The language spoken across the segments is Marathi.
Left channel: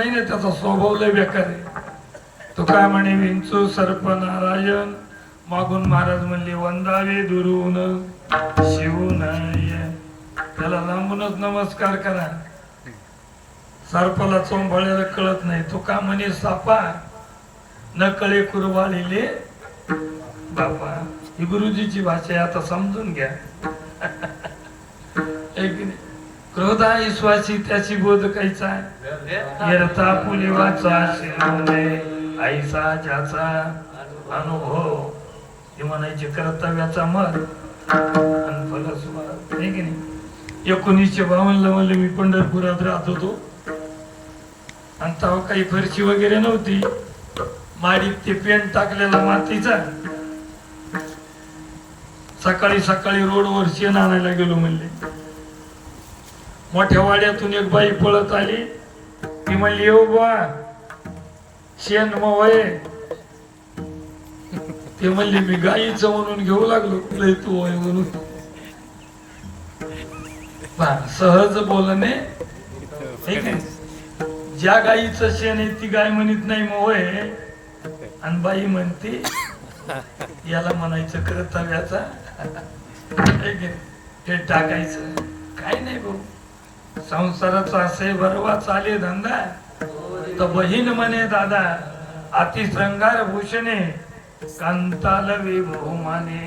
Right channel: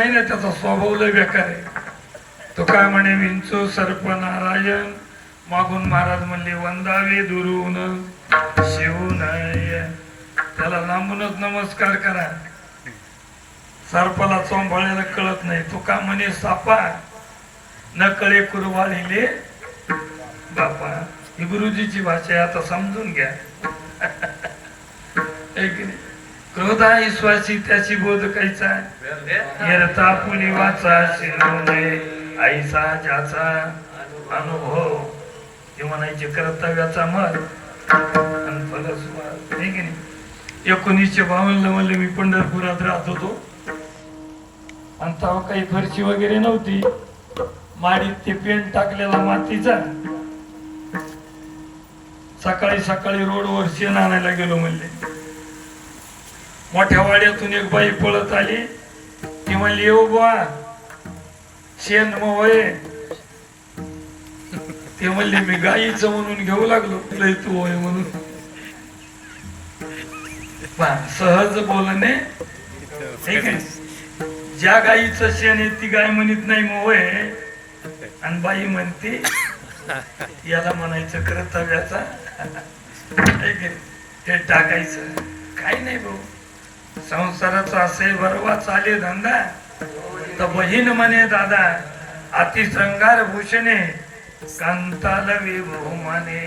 नाही ना त्याचा स्वभाव लय बेकार आहे. तो काय म्हणे विंचू सर्प नारायण मागून महाराज म्हणले वंदावे दुरून शिवू त्याला लांबूनच नमस्कार करा. सर्पाला चोंभाळ्याला कळत नाही. तो का म्हणे सापा न कळे कुरवाळीले बापा. ही गुरुजीची भाषा आहे आता समजून घ्या. क्रोध आहे त्याची बोध कायचा निरता पुलिवाचा शिरवणे आईचा ज्याचा अनुभव. ते म्हणायचे कर्तव्याचा मत आणि फलस्वरूप नाही की नाही? एकोणीसशे बावन्न म्हणले मी पंढरपुरात राहत होतो. आणि तेव्हा काही फरशी वगैरे नव्हती. माडीत ते पेंट टाकलेला मातीचा. सकाळी सकाळी रोडवर शेण आणायला गेलो म्हणले. मोठ्या वाड्यातून एक बाई पळत आली. ती म्हणली येऊ बा शेण मवय ते म्हणली मी गाईचं म्हणून घेऊ लागलो लय तू वय म्हणून. सहज बोलणे. ठीक आहे ज्या गाईचं शेण आहे ती गाय म्हणत नाही मग वय आणि बाई म्हणते याला म्हणायचं कर्तव्याचा. ते टाकायचं. काही नाही भाऊ. संसाराचा असे बरोबर चाले धंदा. तर बहीण म्हणे दादा अतिशृंगार भूषणे कांताल विभोमाने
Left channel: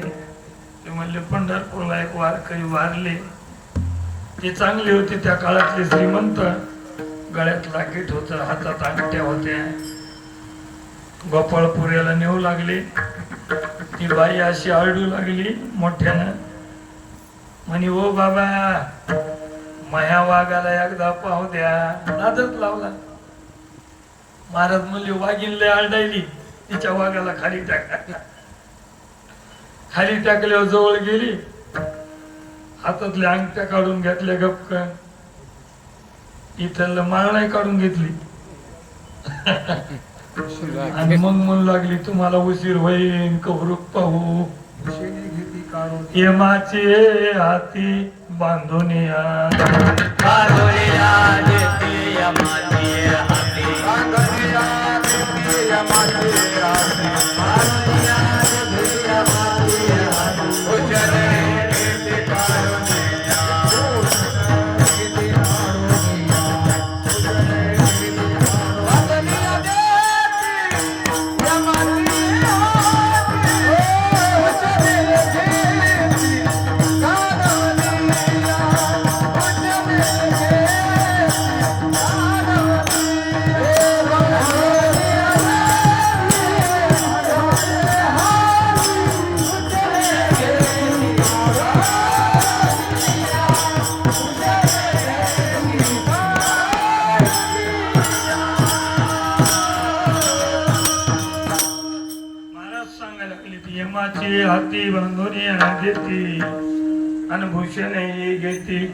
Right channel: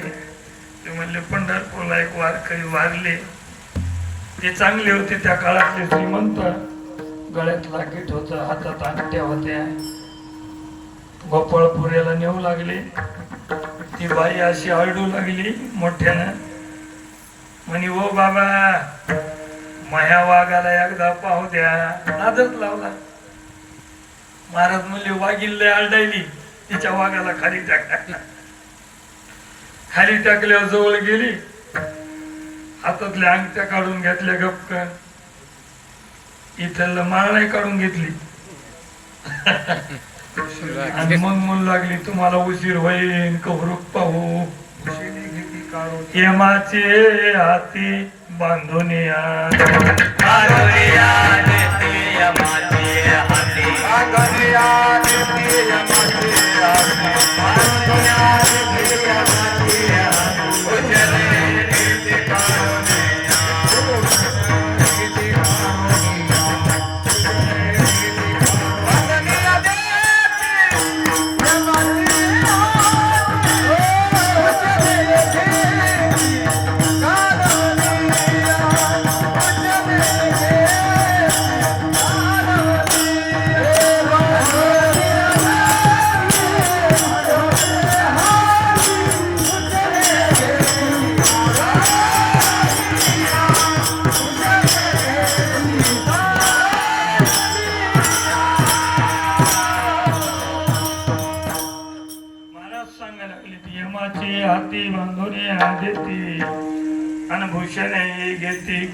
ते म्हणले पंढरपूरला एक वारकरी वारले. ते चांगले होते त्या काळातले श्रीमंत. गळ्यात लाकीट होत हातात अंगठ्या होत्या. गोपाळपुऱ्याला नेऊ लागले. ती बाई अशी आरडू लागली मोठ्यानं. म्हणे ओ बाबा मह्या वाघाला एकदा पाहू द्या. नादच लावला. महाराज म्हणले वाघीन लय आरडायली. तिच्या वाघाला खाली टाका. खाली टाकल्यावर जवळ गेली. हातातल्या अंगठ्या काढून घेतल्या गपक इथलं माळ नाही काढून घेतली. आणि मग म्हणू लागली तुम्हाला उशीर होईल कबरूक पाहू. यमाचे हाती बांधून या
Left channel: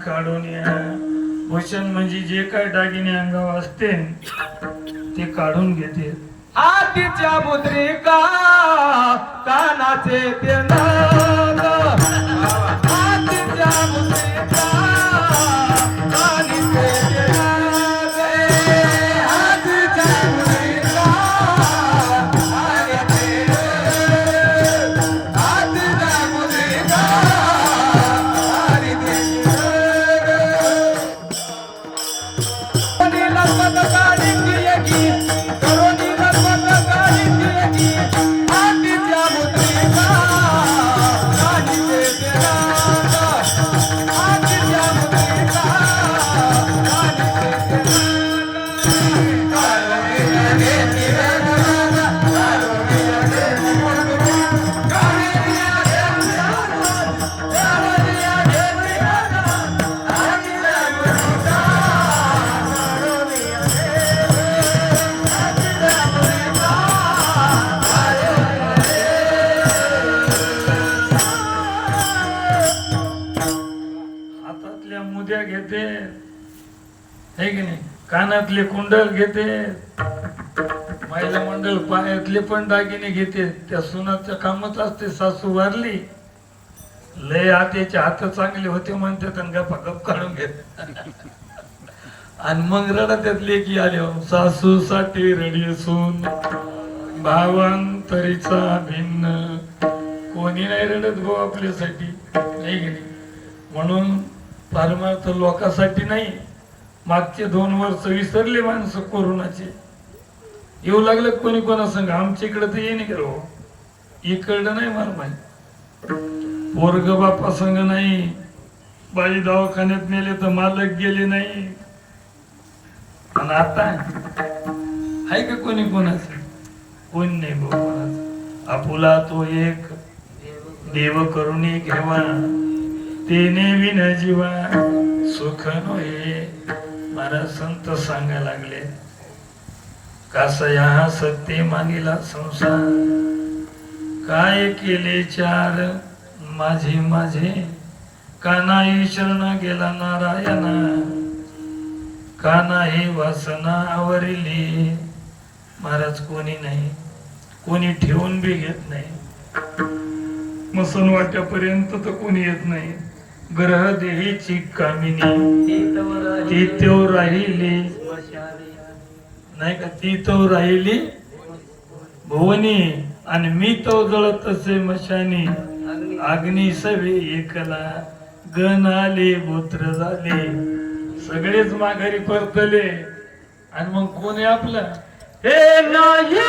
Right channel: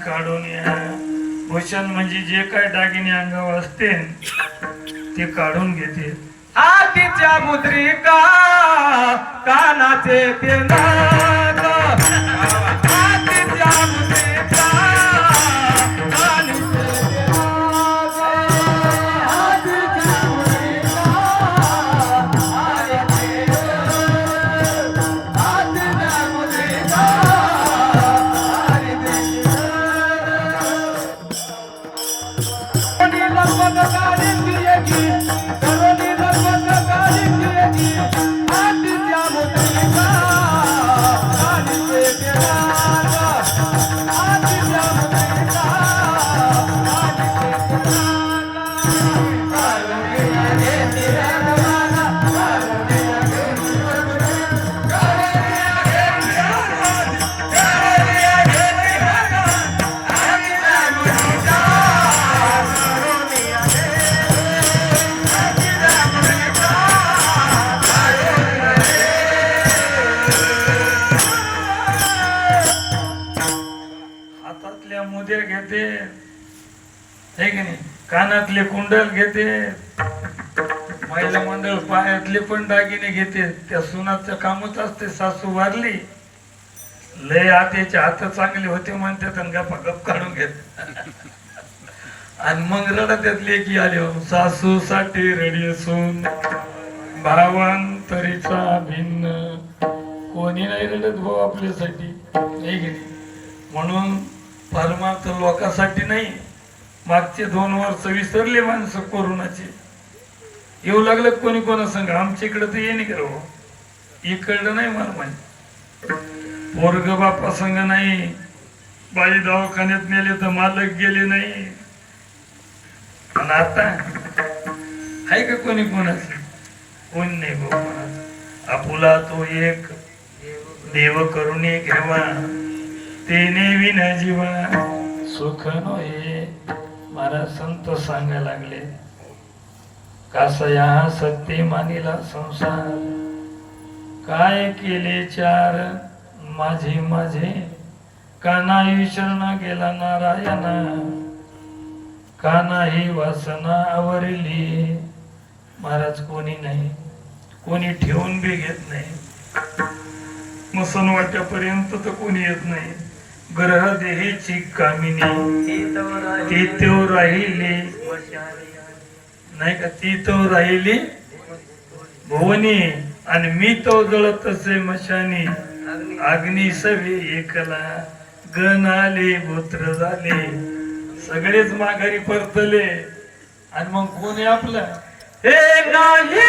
काढून या. वचन म्हणजे जे काय दागिने अंगावर असते ते काढून घेते. हातीच्या मुद्रिका कानाचे ते पायातले कुंडल घेते. महिला मंडळ पायातले पण दागिने घेते. त्या सुनाचं कामच असते सासू वारली. लय आतेचे हात चांगले होते म्हणते तर गप्पा गप काढून घेत. आणि मग रडत की आले हो. सासू साठी रडी असून भावांतरीचा भिन्न. कोणी नाही रडत भाऊ आपल्यासाठी. नाही नाही म्हणून परमार्थ लोकांसाठी नाही. मागचे दोन वर्ष विसरले माणसं कोरोनाचे. येऊ लागलं कोणी कोणा संग? आमच्या इकडं तर ये नाही करो हो? इकडं नाही मला माहिती. पोरग बापा संग नाही. बाई दवाखान्यात नेले तर मालक गेले नाही. पण आता? आहे का कोणी कोणाचं? कोण नाही भाऊ कोणाचं. आपुला तो एक. देव करुणी घेवा. तेने विना जीवा. सुख नये महाराज संत सांगायला लागले. कासया सत्य मानिला संसार. काय केले चार? माझे माझे. कानाई शरण गेला नारायण? कानाही वासना आवरली? महाराज कोणी नाही. कोणी ठेवून बी घेत नाही. मसन वाट्यापर्यंत तर कोणी येत नाही. ग्रह देहीची कामिनी. ती तो राहिली. नाही का? ती तो राहिली. भुवनी. आणि मी तो जळत असे मशानी. अग्नी सवे एकला. गण आले भूत्र झाले. सगळेच माघारी परतले. आणि मग कोण आहे आपलं? हे नाही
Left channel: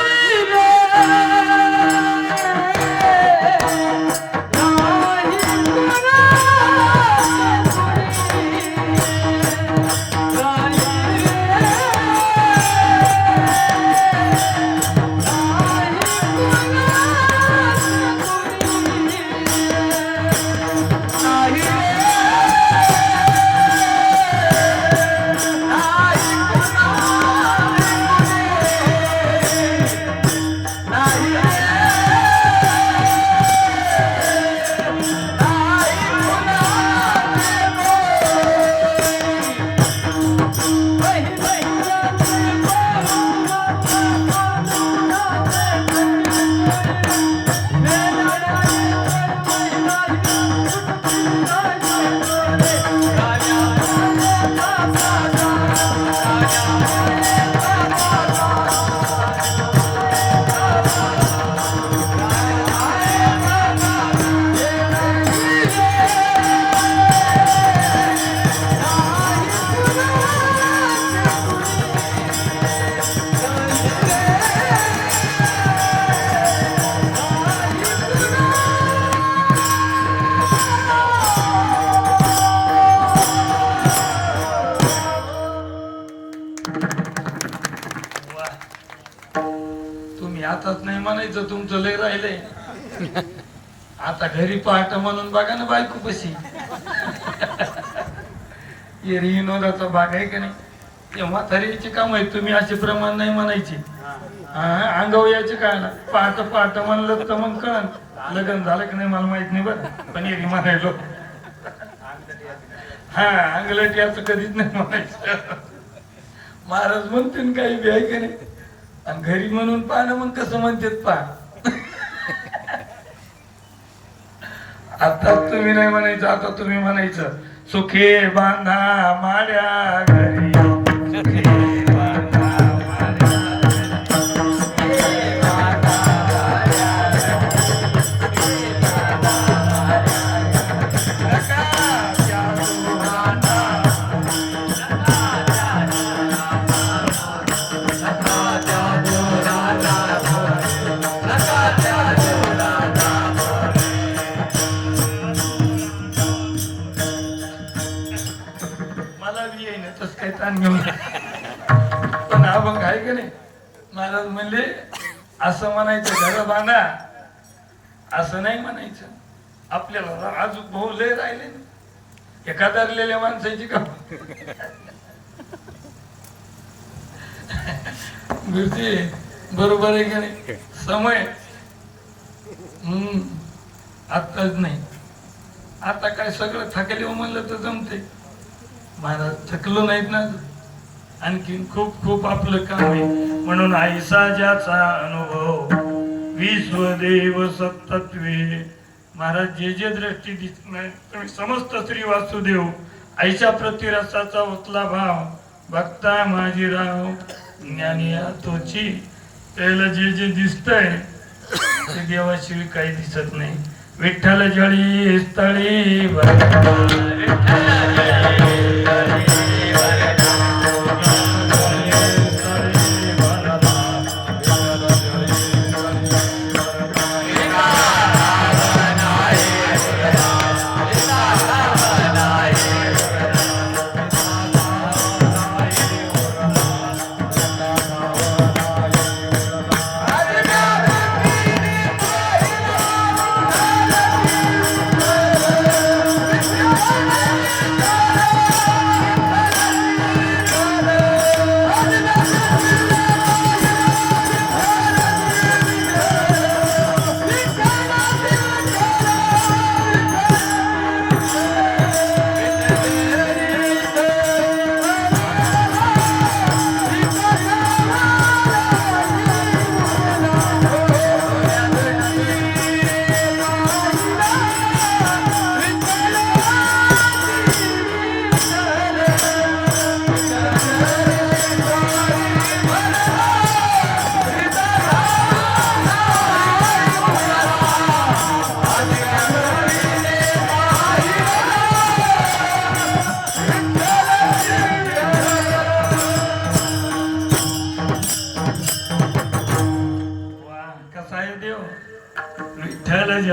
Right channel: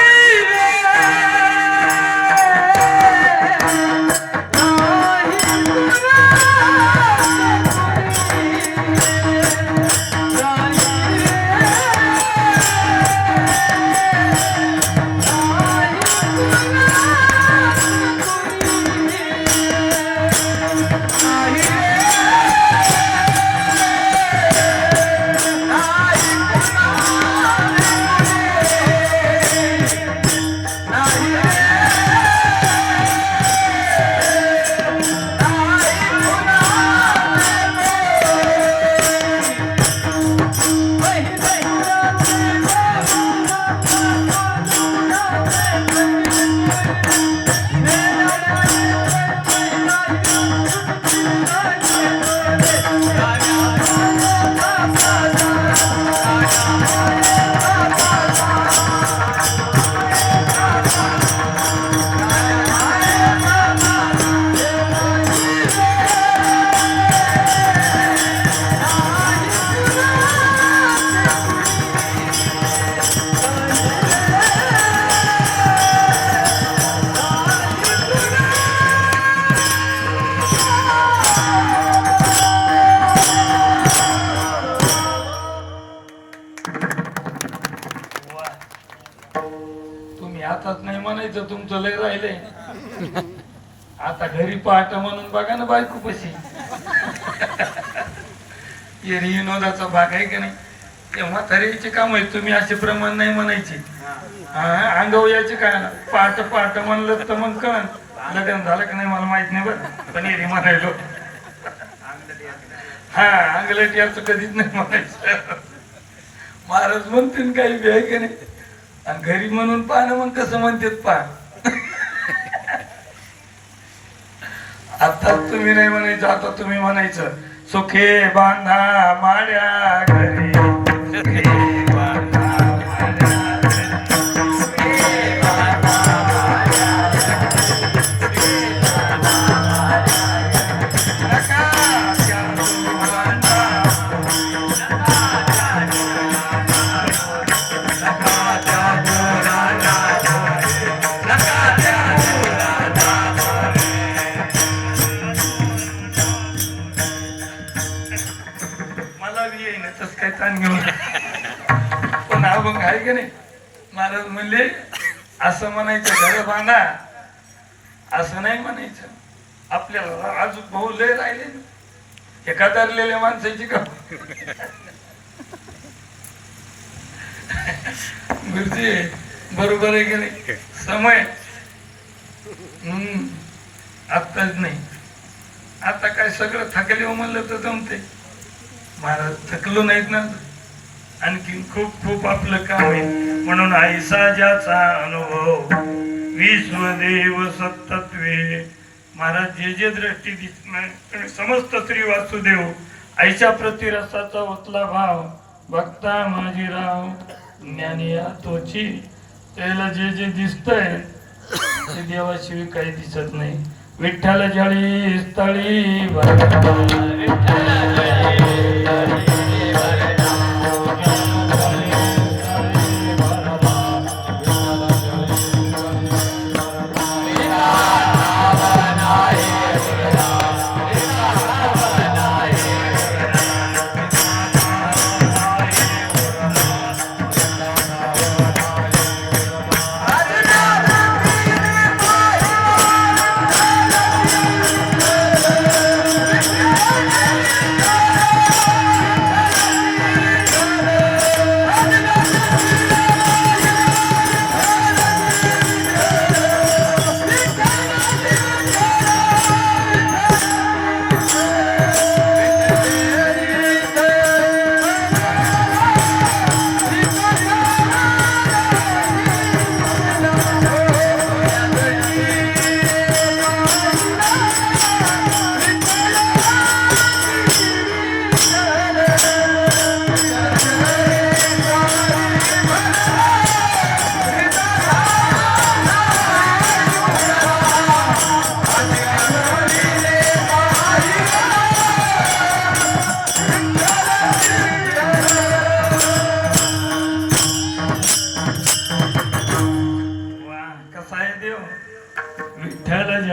तुमचं लय राहिलंय. आता घरी पाहत म्हणून बघा ना बायको कशी विनोदाचा भाग आहे का नाही? ते म्हातारीचे काम आहे तुम्ही असे प्रमाण नाही म्हणायचे. हा अंगाव याचे काय ना? पहाट पहाट म्हणलं तर मग कळण लग्न झालं की नाही मला माहीत नाही बरं. पण येरी म्हणायलो. हा अंगलट याचं कधीच नाही म्हणायचं. महाराज म्हणतील काही बी आहे का नाही? आणि घरी म्हणून पाहणं मग कसं म्हणतात पहा. आता तुम्ही नाही म्हणायचं आता तुम्ही म्हणायचं सुखे बांधा माड्या घरी. येईन काही ताण घेऊन पण हा मग आहे का नाही? महाराज म्हणले असं म्हणायचं घर बांधा. असं नाही म्हणायचं. आपल्याला अजून भाऊ लय राहिले. एका धरलेल्या माणसाची का गुरुजी बरोबर आहे की नाही? समय. हम्म. आत्ताच नाही. आता काय सगळं थकले म्हणलं तर जमते महाराज थकलो नाहीत ना. आणखी खूप खूप आपलं काम आहे. म्हणून आईसा ज्याचा अनुभव विश्वदेव सत्तत्वे. महाराज जे जे दृष्टी दिसणार तुम्ही समस्त श्री वासुदेव आईच्या प्रतिरसाचा उतला भाव भक्ता माझी राव. ज्ञानी तोची त्याला जे जे दिसतंय ते देवाशिवाय काही दिसत नाही. विठ्ठल जळी स्थळी विठ्ठल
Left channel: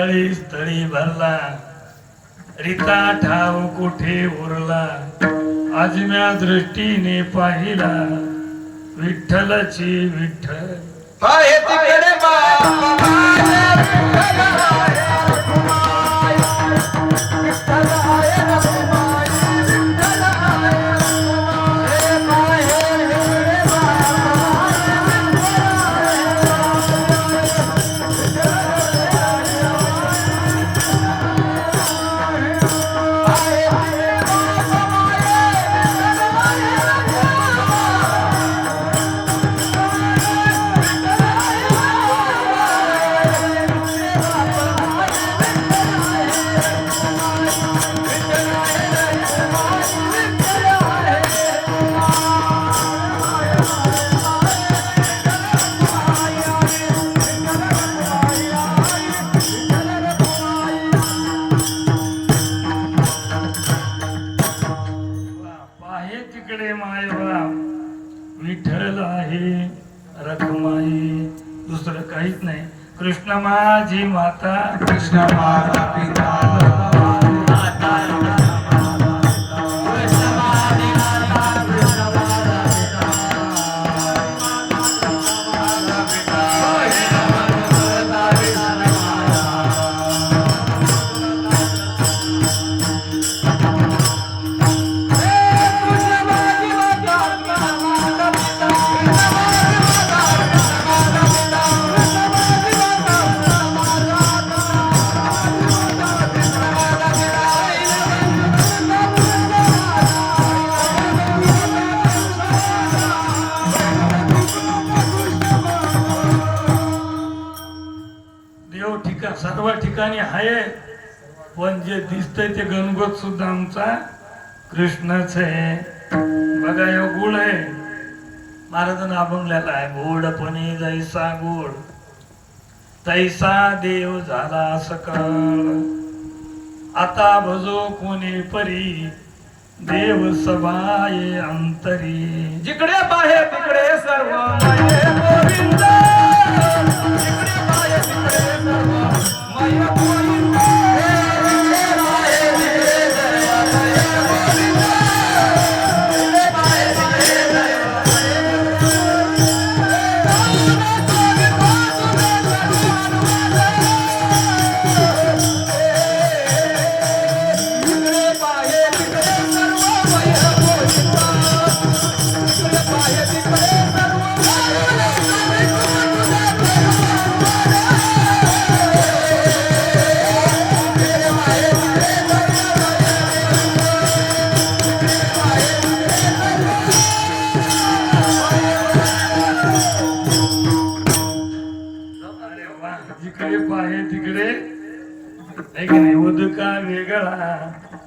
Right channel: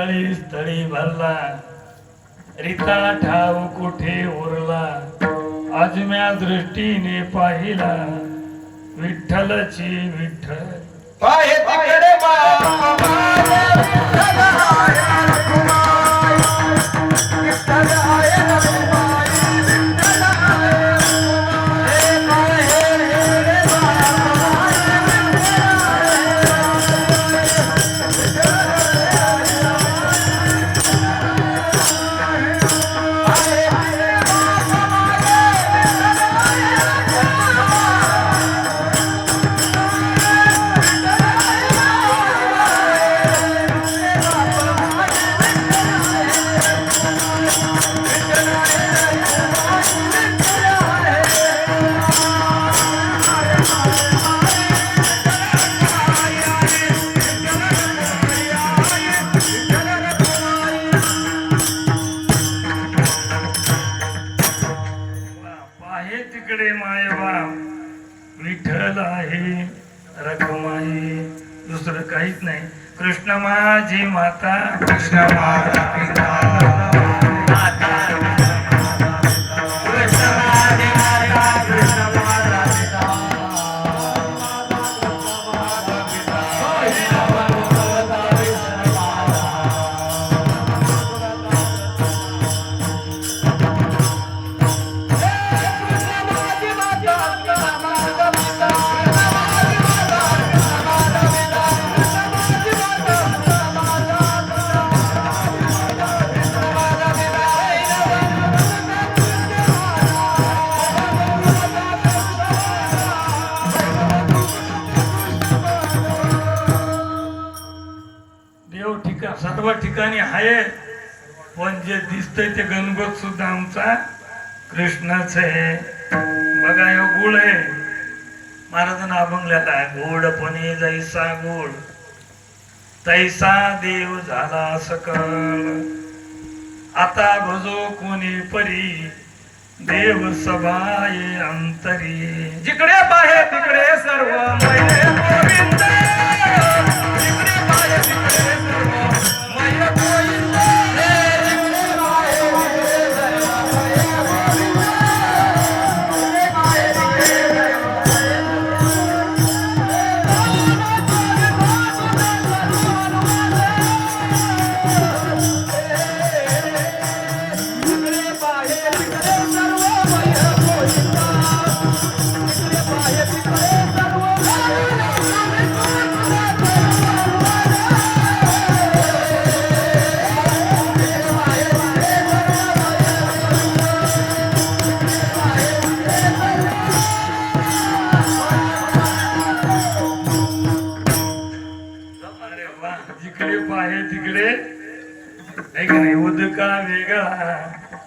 जळी स्थळी भरला. रिता ठाव कुठे उरला? आजम्या दृष्टीने पाहिला. विठ्ठलची विठ्ठल. काहीच नाही. कृष्ण माझी माता कृष्ण माझा पिता. आहे पण जे म्हणजे दिसतंय ते गणगोत सुद्धा आमचा कृष्णच आहे. बघा ह्यो गुळ आहे. महाराजांना अभंगल्याला आहे. गोडपणे जैसा गोड. तैसा देव झाला सकाळ. आता भजो कोणी परी. देव सभाये अंतरी. जिकडे पाहे तिकडे सर्व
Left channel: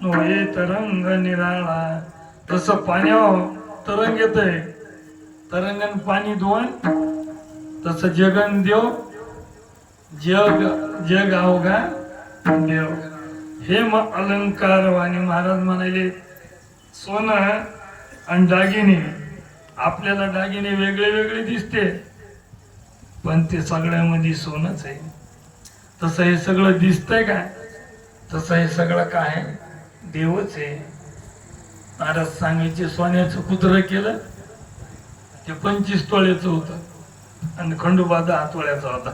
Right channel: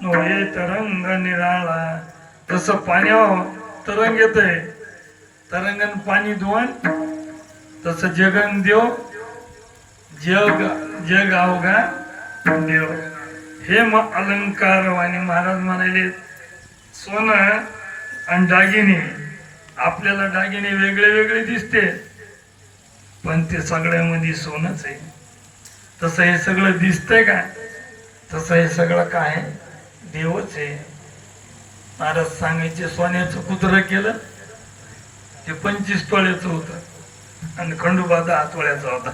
नोये तरंग निराळा. तसं पाण्यावर तरंग येतंय. तरंगन पाणी धुवण तसं जगन देव जग जग अवघा देव. हे मग अलंकार वाणी महाराज म्हणाले सोनं आणि दागिने आपल्याला दागिने वेगळे वेगळे दिसते पण ते सगळ्यामध्ये सोनच आहे. तसं हे सगळं दिसतंय का? तसं हे सगळं काय देवच आहे. महाराज सांगायचे सोन्याचं कुत्र केलं ते पंचवीस तोळ्याचं होतं. आणि खंडोबा आतोळ्याचा होता.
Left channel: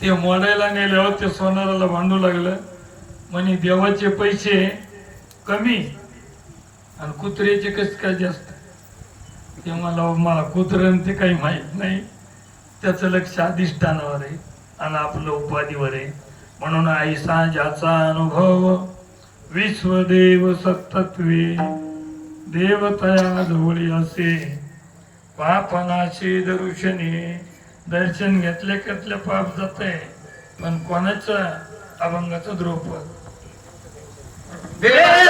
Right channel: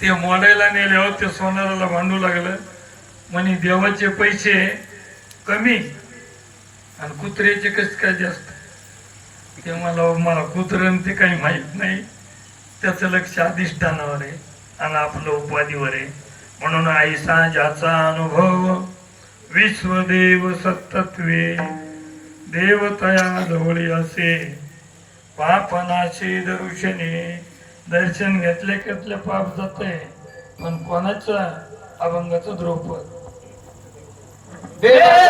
ते मोडायला नेल्यावर ते सोनाराला भांडू लागलं. म्हणे देवाचे पैसे कमी आणि कुत्र्याचे कसे काय जास्त? ते मला हो, मला कुत्रं ते काही माहीत नाही. त्याचं लक्ष अधिष्ठानावर आहे आणि आपलं उपाधीवर आहे. म्हणून आईसा ज्याचा अनुभव विश्वदेव सत्तत्वे देवतया जवळी असे. पापनाशी दर्शने दर्शन घेतले घेतले पाप जाते पण कोणाचं? अभंगाचं द्रौपद. काय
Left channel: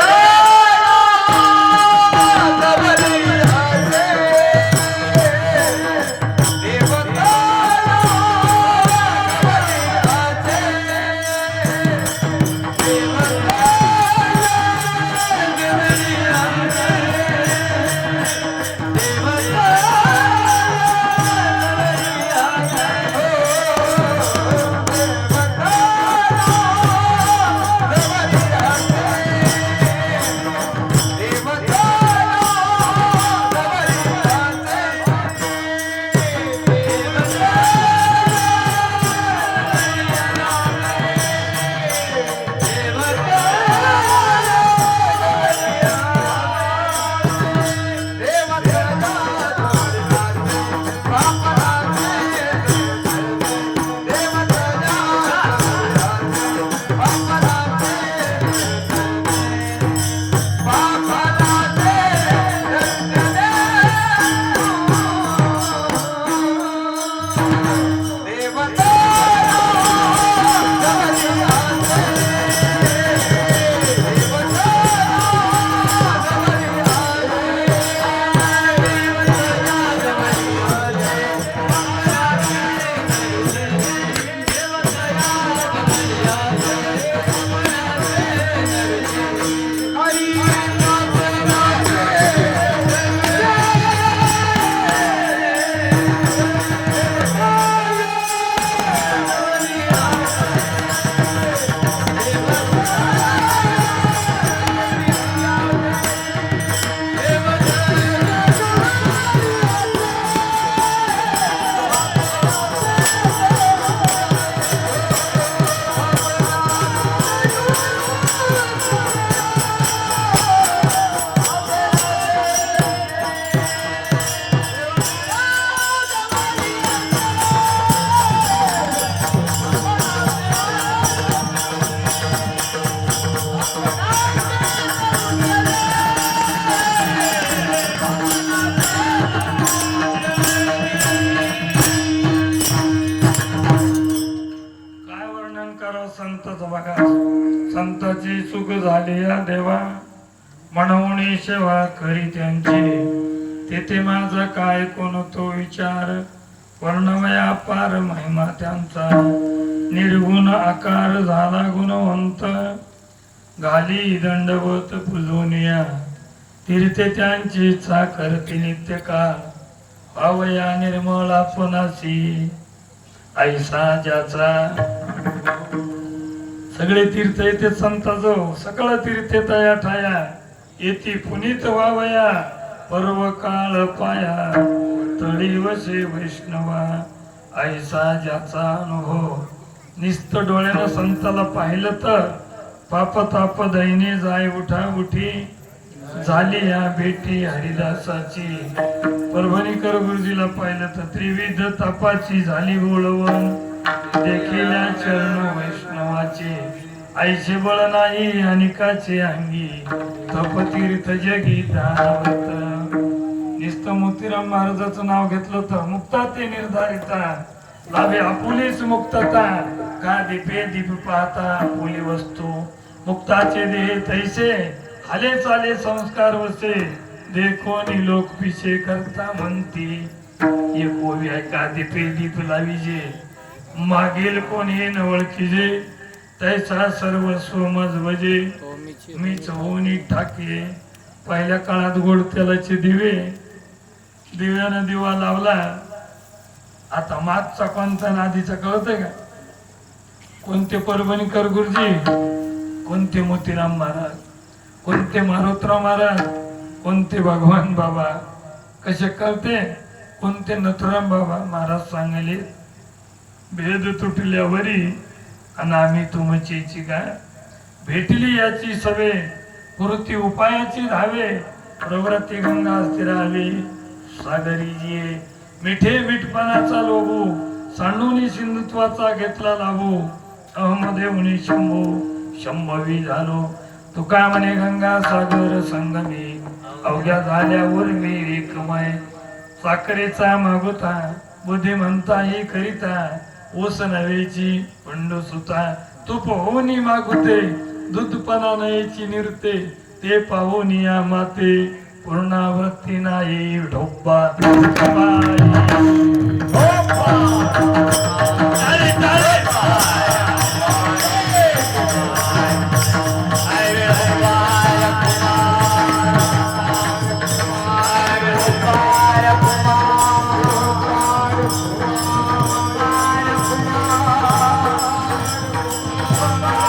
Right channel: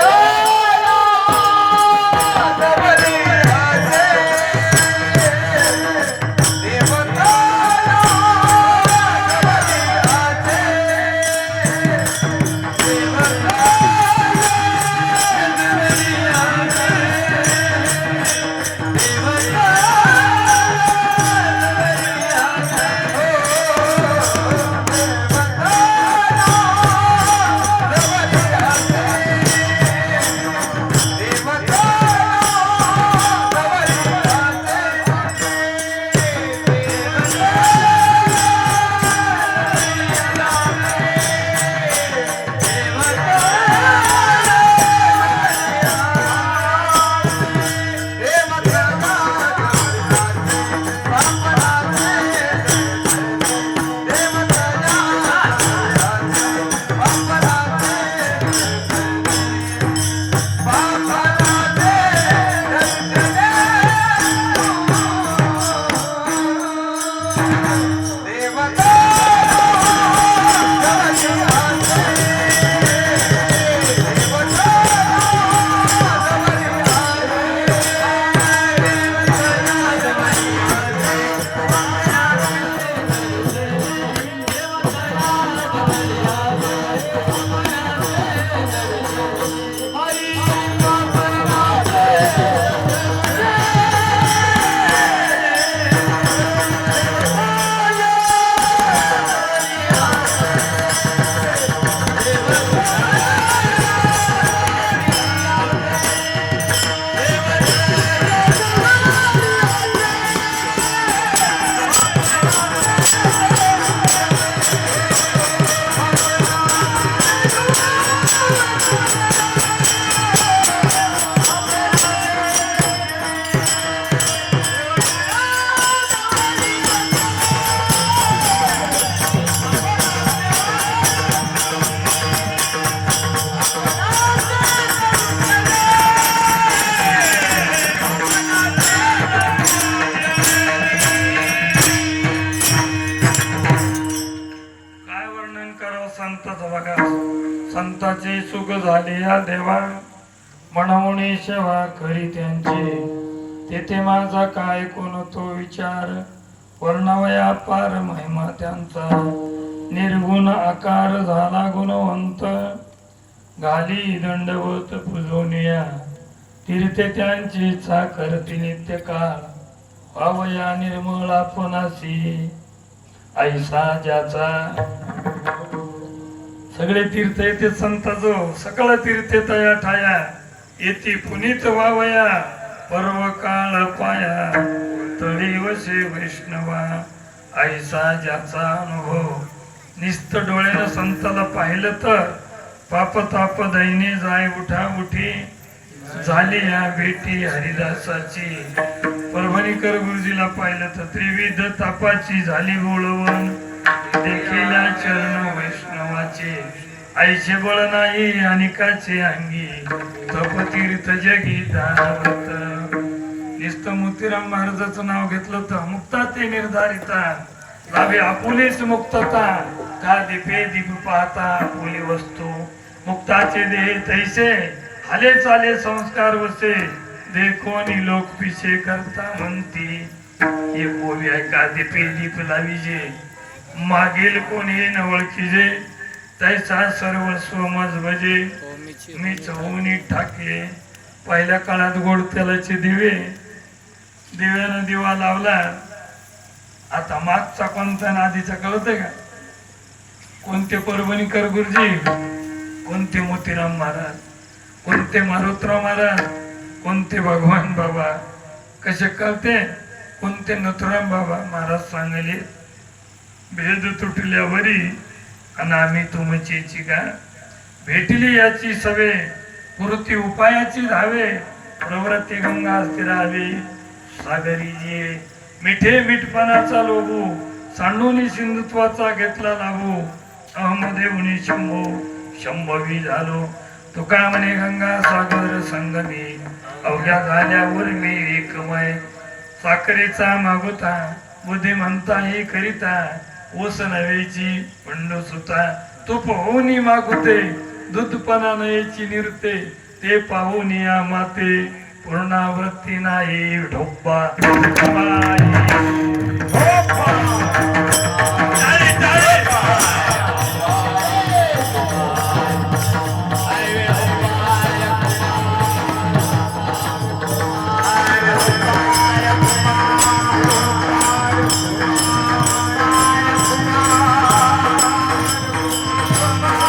出。सेवा करी त्यांची. तेथे माझा काय कोण तो विचार? वर्णवया पार महिमा त्यांचा. निर्गुण आकार झाला गुणवंत. घाली दंडवत पूजोनिया. तीर्थे त्यांची इच्छा करती नित्य काळ अवया निर्मळ आपणाशी ऐसा ज्याचा. सगळे तीर्थ येते संताजो सकळ तीर्थ तया ठाया. येती पुनीत वावया पर्व काळ पाया तळी वसे वैष्णवा ऐसा ज्याचा अनुभव. निस्त डोळ्यानं संताला पाहिलं तर पाप ताप दैने जाय उठा उठी झाली या भेटी हरिदासाची. परभणीकर गुरुजीला पाहिलं तर त्रिविध तापाची झाली ओळवण. देखील चरण वैष्णवाची. आईचे बळ नाही अनिकाचे अंगी. तप तीर्थ जगी दानवत नुसतं मोतीराम महाराजाचं नाव घेतलं तर मुक्ता ते निर्धारिता. लाभे आपुलेच मुक्तता. का दीपे दीप पाहता आपुली वस्तू. मुक्ताचे देह तैसे हाले चाले संस्कार वसे. देखोनी लोक पिसे करता म्हणती. ये कोवी ऐका दीपे दीप लाविजे मागील कोणी नवळखीजे तैसा सर्व सोमज म्हणजे मी चौनी ठाके पहिल्या काळात गोड तेलाचे दिवे दिव्यानं दिवा लावला. आता मागचा कोणता आधीचा कळत आहे का? कोणते परभणीकर गुरुजी कोणते मोतीराम महाराज कोणते मारुतराव महाराज कोणते भगवान बाबा? कसे कळते? कोणते नथुराम बाबा? महाराज सांगले भेद तुटल्यावरी आणि आम्ही तुमची का भेटली याची सवे कृती उपायाची राहावे प्रवृत्ती गंगा स्थिरावे सागरी जे मिठे मिठपणाचा लोभू सांडूनी सिंधुत्वाचा घेतला लाभू अहमदेवनी शंभो शंभवी झालो. तुका म्हणे गंगा सागर संगमी अवघ्या झाल्यावर मी एकमय. साखरेचा मागोता बुद्धिमंता ही करिता ऊस नव्याची पंडू सुता तूप होऊनी मागुते दूधपणा नयेची निरते ते पाहून या माते पूर्णावृत्ती नाही ढोब्बा ढोब्बा.